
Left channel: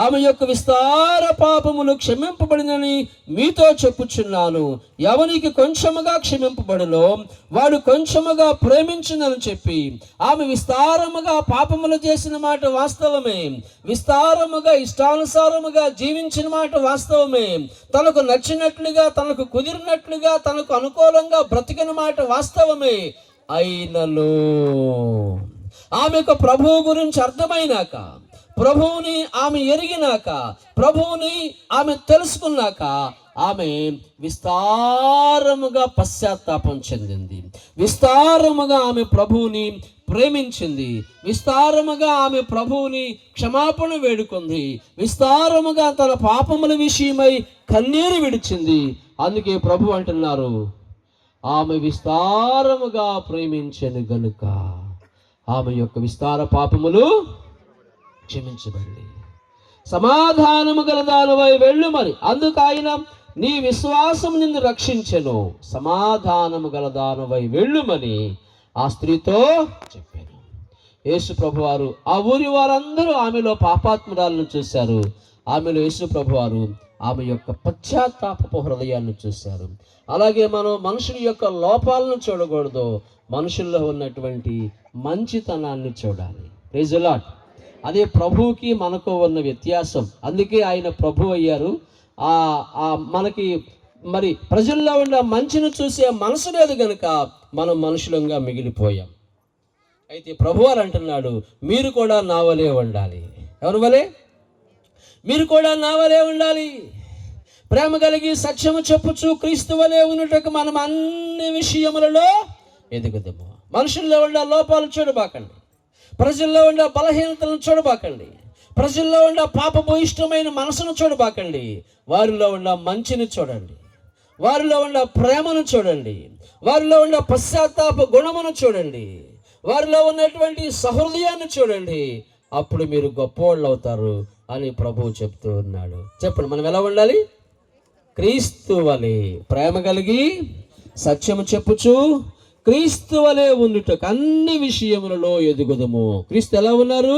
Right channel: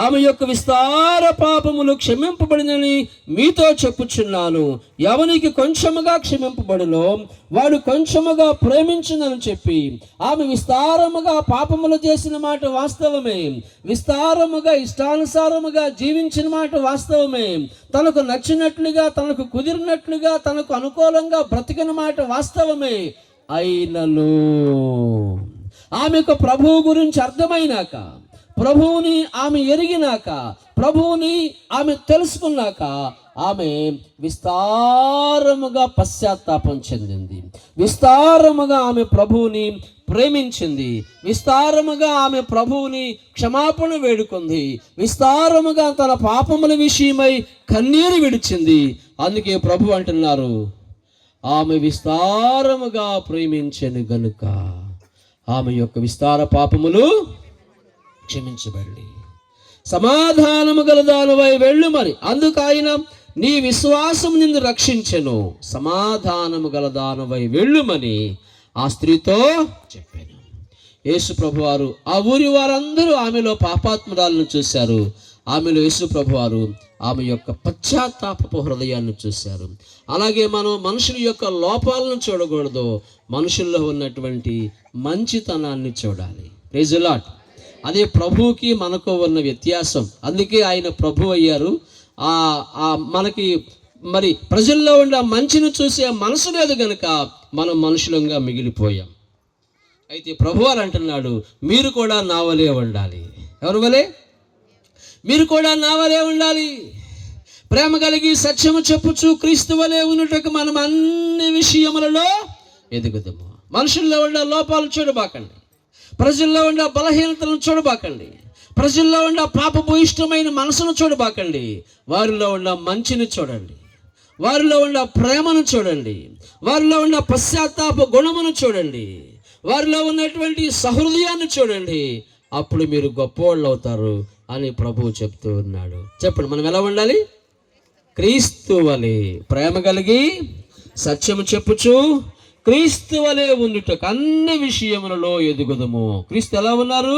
ఆమె యొక్క విస్తార పాపములు క్షమింపబడినని మీతో చెప్పుచున్నాను. ఎవనికి కొంచెముగా క్షమింపబడులో వాడు కొంచెముగా ప్రేమించునని చెప్పి ఆమె విస్తారముగా పాపములు చేసిన మాట వాస్తవమే. విస్తారముగా ఇష్టానుసారముగా జీవించిన మాట వాస్తవమే. తనకు నచ్చినట్లుగా, తనకు కుదిరినట్లుగా, తనకు అనుకూలంగా బ్రతికిన మాట వాస్తవమే. అయినను ఆమెకు ప్రభువు గురించి అర్థమైనాక, ప్రభువుని ఆమె ఎరిగినాక, ప్రభువుని ఆమె తెలుసుకున్నాక ఆమె విస్తారముగా పశ్చాత్తాపం చెందింది. విస్తారముగా ఆమె ప్రభువుని ప్రేమించింది. విస్తారముగా ఆమె ప్రభువుని క్షమాపణ వేడుకుంది. విస్తారముగా తన పాపముల విషయమై కన్నీరు విడిచింది. అందుకే ప్రభు అంటున్నారు, ఆమె విస్తారముగా ప్రేమించెను గనుక ఆమె యొక్క విస్తార పాపములు క్షమించబడి సమాధానము గలదానువై వెళ్ళుమని. అందుకు ఆయన, నీ విశ్వాసం నిన్ను రక్షించెను, సమాధానము గలదానువై వెళ్ళుమని ఆ స్త్రీతో చెప్పాను. యేసు ప్రభు వారు ఆ ఊరి వారందరూ ఆమెలో పాపాత్మురాలను చూశారు. ఆమెలో యేసు ప్రభు వారు ఆమె యొక్క పశ్చాత్తాపపు హృదయాన్ని చూశారు. అలాగే మనం మనుషుల యొక్క లోపాలను చూడకూడదు, మనుషుల్లో ఉన్నటువంటి మంచితనాన్ని చూడాలి. Praise the Lord. అదే ప్రభువుకి మనకు ఉన్న వ్యత్యాసం. అందుకే ఆయన ప్రభు అయ్యారు. మనకి మరి ప్రజల్లో ఉన్న మంచిని చూసే మనసు లేదు కనుక మనం మనుషులంగా మిగిలిపోయాం. అయితే ప్రభువారు అంటున్నాడు, మీరు కూడా నా వలే ఉండాలి. ఎవరి వలే? మీరు కూడా నా వలే ఉండాలి. ప్రేమ కలిగి సత్యము చెప్పుచు క్రీస్తు వలే ఉన్నట్టుకు మనం అన్ని విషయములలో ఎదుగుదాము. మనుషుల్లో ఉన్న లోపాలు చూడబాకండి, ప్రజల్లో ఉన్న బలహీనతలను చూడబాకండి, ప్రజల్లో ఉన్న పాపభూయిష్టమైన మనసును చూడబాకండి. వారిలో ఉన్న మంచిని చూడండి, వారిలో ఉన్న ప్రేమను చూడండి, వారిలో ఉన్న పశ్చాత్తాప గుణమును చూడండి, వారిలో ఉన్నటువంటి సహృదయాన్ని చూడండి. అప్పుడు మీరు గొప్పవాళ్ళు అవుతారు అని ప్రభువు చెప్తూ ఉన్నాడు. చెప్పండి, మనం ఎలా ఉండాలి? క్రీస్తు వలె ప్రేమ కలిగి సత్యము చెప్పుచు క్రీస్తు వలె ఉండుటకు అన్ని విషయములలో ఎదుగుదము. క్రీస్తు ఎలా ఉన్నారు?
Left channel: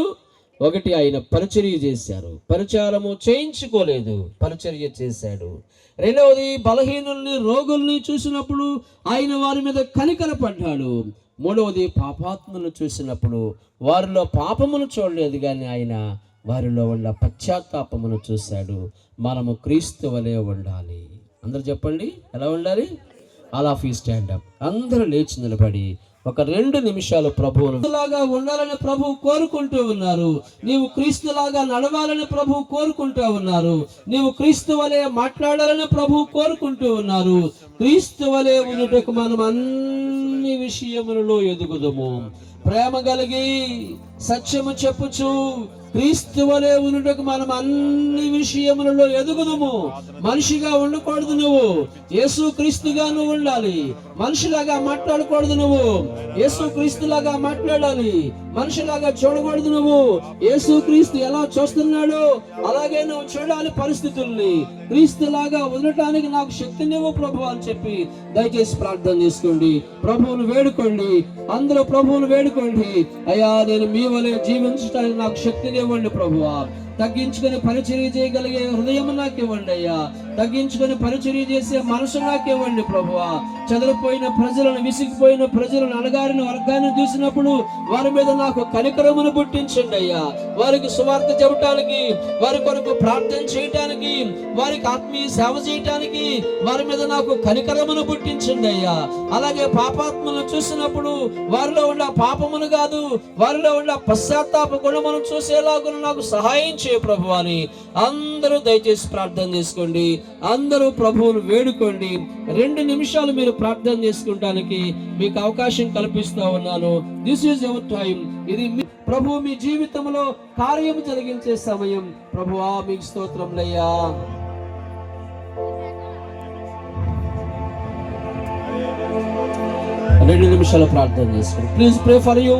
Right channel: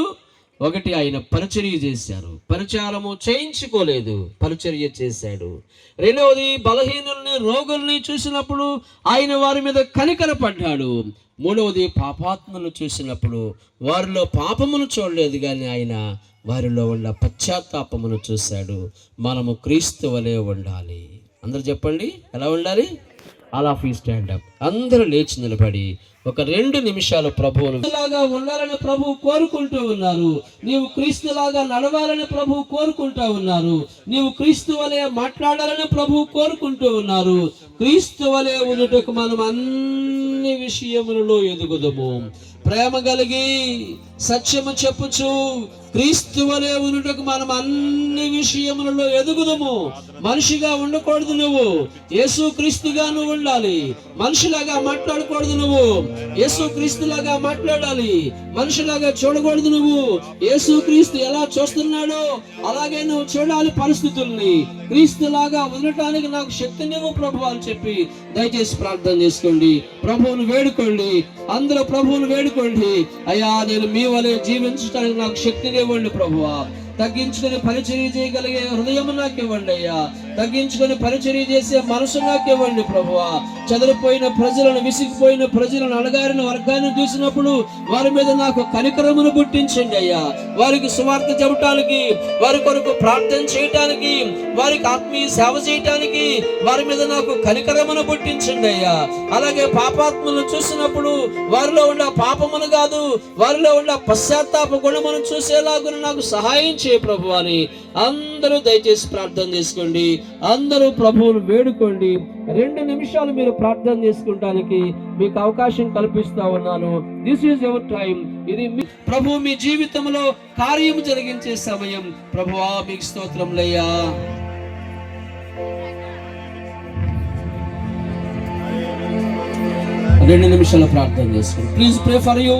ఒకటి, ఆయన పరిచర్య చేశారు, పరిచారము చేయించుకోలేదు, పరిచర్య చేశాడు. రెండవది, బలహీనుల్ని రోగుల్ని చూసినప్పుడు ఆయన వారి మీద కనికరపడ్డాడు. మూడవది, పాపాత్ములను చూసినప్పుడు వారిలో పాపమును చూడలేదు, కానీ ఆయన వారిలో ఉన్న పశ్చాత్తాపమును చూశాడు. మనము క్రీస్తు వలె ఉండాలి. అందరూ చెప్పండి, ఎలా ఉండాలి? All of you stand up. అందరూ లేచి నిలబడి ఒక 2 నిమిషాలు ప్రభువులాగా ఉండాలని ప్రభు కోరుకుంటూ ఉన్నారు. నీవు క్రీస్తులాగా నడవాలని ప్రభు కోరుకుంటూ ఉన్నారు. నీవు క్రీస్తు వలె మాట్లాడాలని ప్రభు కోరుకుంటూ ఉన్నారు. క్రీస్తు వలె ఉన్నట్టుకు మనం అన్ని విషయములలో ఎదుగుదము. ప్రేమ కలిగి సత్యము చెప్పుచు క్రీస్తు వలె ఉన్నట్టుకు మనం అన్ని విషయములలో ఎదుగుదము. మనిషిగా ఉండకూడదు, నువ్వు యేసు క్రీస్తుగా నువ్వు ఉండాలి. మనిషిలాగా మాట్లాడకూడదు, నువ్వు యేసు క్రీస్తులాగా మాట్లాడాలి. మనిషిలాగా చూడకూడదు, నువ్వు యేసు క్రీస్తు ఎలా చూస్తున్నాడో అలాగే నువ్వు చూడాలి పరిస్థితుల్ని. క్రీస్తులాగా ఉండటానికి నాకు శక్తినివ్వు ప్రభు అని చెప్పి దయచేసి ప్రార్థన చేసుకోండి. ప్రభువును వేడుకోండి, అందరూ ప్రభువును వేడుకోండి. అయ్యా, నేను మీ వలె జీవించడానికి నాకు శక్తినివ్వండి ప్రభువా. తగ్గించుకొని పరిచర్య చేయగలిగే హృదయం నాకు ఇవ్వండి అయ్యా. తగ్గించుకొని పరిచర్య చేసే మనసు నాకు ఇవ్వండి ప్రభువా. చెదరిపోయిన ప్రజలను, విసిగిపోయిన ప్రజలను, అణగారిన వర్గాన్ని చూసినప్పుడు వారి మీద నాకు కనికరమును పుట్టించండి అయ్యా. వారికి సువార్త చెప్పడానికి, వారి కొరకు ప్రార్థన చేయటానికి, వారికి ఆత్మీయ సేవ చేయటానికి వారి మీద నాకు కనికరమును పుట్టించండి అయ్యా. అలాగే పాపాత్మను చూసినప్పుడు వారిలో ఉన్న పాపమును కాదు, వారిలో ఉన్న పశ్చాత్తాప గుణమును చూసేలాగా నాకు సహాయం చేయ ప్రభు అని అందరూ దయచేసి ప్రార్థన చేసుకోండి. అందరూ ప్రభువును వేడుకోండి. 2 నిమిషాలు మీరు ప్రార్థన చేసుకుంటానికి మీకు అవకాశం కల్పిస్తా ఉన్నాను. This is your time. ఇది ప్రభు మీ జీవితంలో కార్యం జరిగించే సమయం. ప్రభువా, మీకు స్తోత్రంలయ్యా. రెండు నిమిషాలు ప్రార్థన చేసుకోండి. Please pray for you.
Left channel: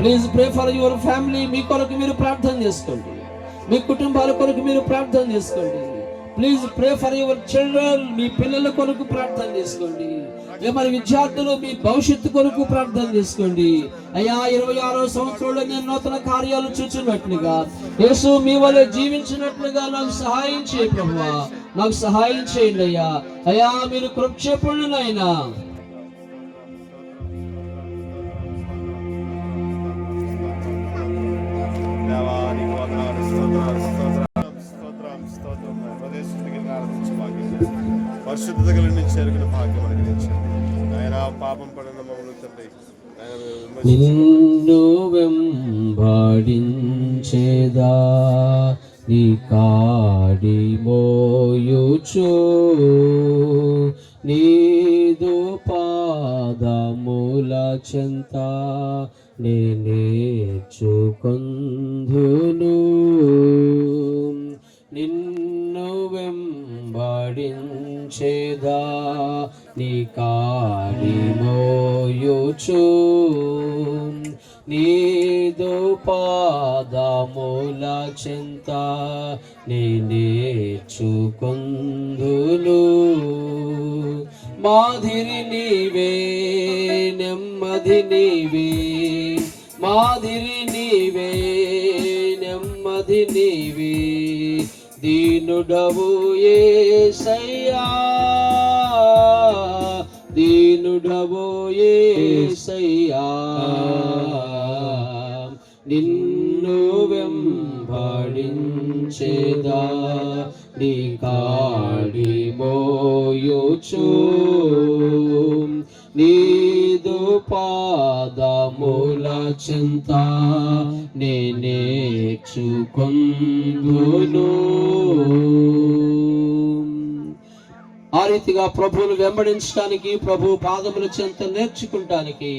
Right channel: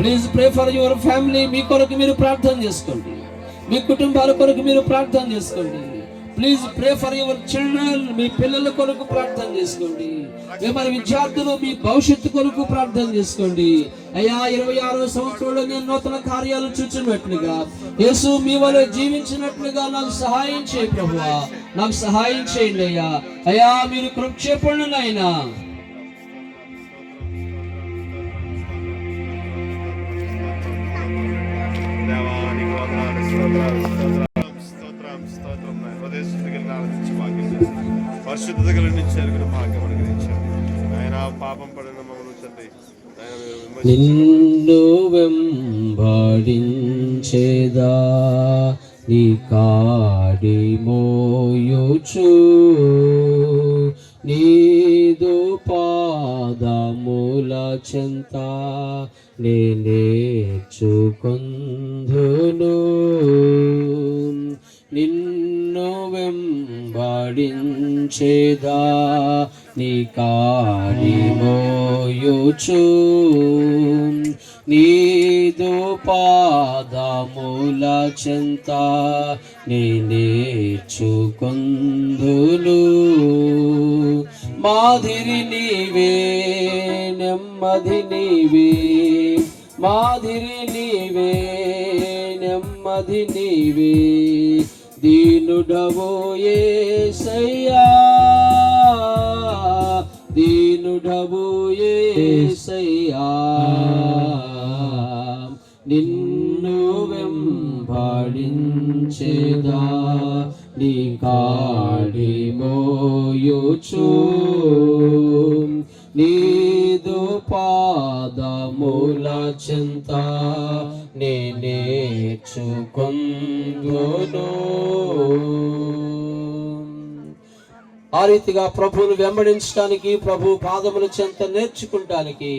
Please pray for your family. మీ కొరకు మీరు ప్రార్థన చేసుకోండి. మీ కుటుంబాల కొరకు మీరు ప్రార్థన చేసుకోండి. Please pray for your children. మీ పిల్లల కొరకు ప్రార్థన చేసుకోండి. మరి విద్యార్థులు మీ భవిష్యత్తు కొరకు ప్రార్థన చేసుకోండి. అయ్యా, 26వ సంవత్సరంలో నేను నూతన కార్యాలు చూచున్నట్లుగా, యేసు మీ వలె జీవించినట్లుగా నాకు సహాయం చేయండి ప్రభువా. నాకు సహాయం చేయండి అయ్యా. అయ్యా, మీరు కృప చెప్పండి నాయనా. నిన్ను వెంబడించేదా నీ కాడి మోయుచు, నీదు పాదముల చెంత నేర్చుకొందును. నిన్ను వెంబడించేదా నీ కాడి మోయుచు, నీదు పాదముల చెంత నేర్చుకొందును. మాదిరి నీవే, నెమ్మది నీవే. మాదిరి నీవే, నెమ్మది నీవే. దీనుడవు యేసయ్యా, దీనుడవు యేసయ్యా. నిన్ను వెంబడించేదా నీ కాడి మోయుచు, నీదు పాదముల చెంత నేర్చుకొందును. ఆ రీతిగా ప్రభువును వెంబడించడానికి, ప్రభు పాదముల చెంత నేర్చుకుంటానికి,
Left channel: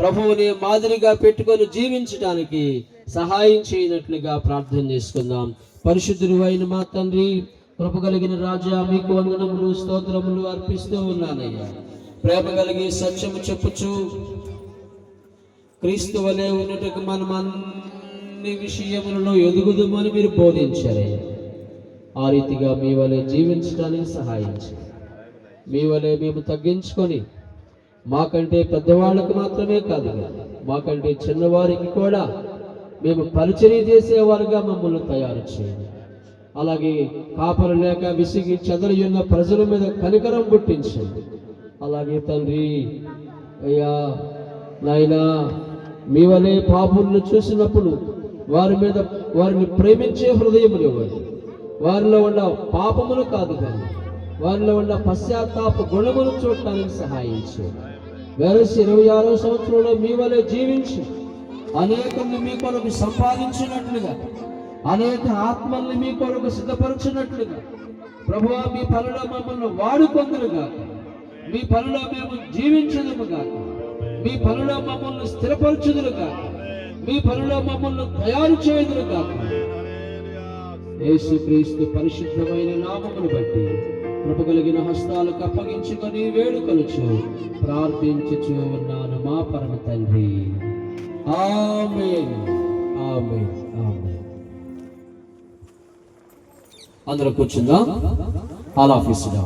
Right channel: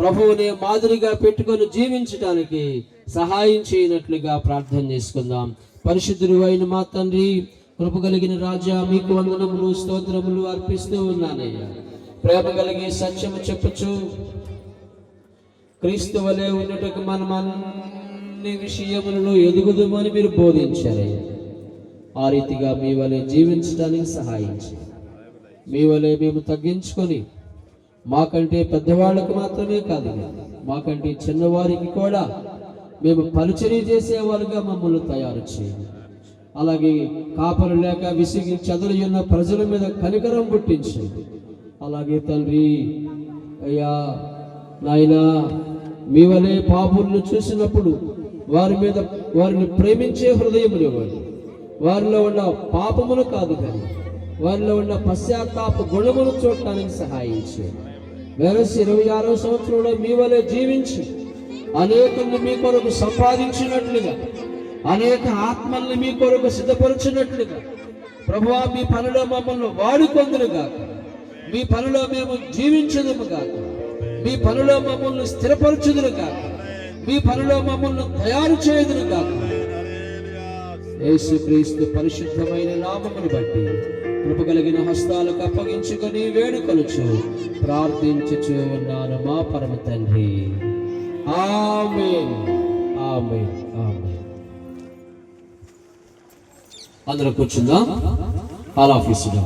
ప్రభువుని మాదిరిగా పెట్టుకొని జీవించడానికి సహాయం చేయనట్లుగా ప్రార్థన చేసుకుందాం. పరిశుద్ధుడు అయిన మా తండ్రి, కృప కలిగిన రాజా, మీకు వందనములు స్తోత్రములు అర్పిస్తూ ఉన్నానయ్యా. ప్రేమ కలిగి సత్యము చెప్పుచు క్రీస్తు వలె ఉన్నట్టుకు మనం అన్ని విషయములలో ఎదుగుదామని మీరు బోధించారయ్యా. ఆ రీతిగా మీ వలె జీవించడానికి సహాయం చేయండి. మీ వలె మేము తగ్గించుకొని, మాకంటే పెద్దవాళ్ళకు మాత్రమే కాదు, మాకంటే చిన్నవారికి కూడా మేము పరిచర్య చేసేవారుగా మమ్మల్ని తయారు చేయండి. అలాగే కాపరు లేక విసిగి చెదరి ఉన్న ప్రజల మీద కనికరం పుట్టించండి. అలాగే తండ్రి అయ్యా నాయనా, మీ వలె పాపులను చూసినప్పుడు వారిని ప్రేమించే హృదయం ఇవ్వండి. వారిలో ఉన్న పాపమును కాదు కానీ వారిలో ఉన్న పశ్చాత్తాప గుణమును చూడటానికి సహాయం చేయండి. వెరసి 26వ సంవత్సరంలో మీ వలె జీవించి అనేకుల్ని మీ కొరకు సంపాదించినట్లుగా, అనేక ఆత్మల్ని మీ కొరకు సిద్ధపరచినట్లుగా ప్రభువా, మీ పనిలో మమ్మల్ని వాడుకొందురుగా, మీ పనిలో మేము జీవించుదుముగా, మీ పనిలో మమ్మల్ని స్థిరపరచుదురుగా, మీ పనిలో మమ్మల్ని తయారు చేయుదురుగా. యేసుక్రీస్తు పరిశుద్ధమైన నామమును బట్టి కృప కలిగిన హస్తాలకు అప్పగించుకొని వేడుకొనుచు ప్రార్థించుచు ఉన్నాను మా పరమ తండ్రి. ఆమేన్, ఆమేన్, ఆమేన్. అందరూ కూర్చుందాం. ఆల్ ఆఫీసుగా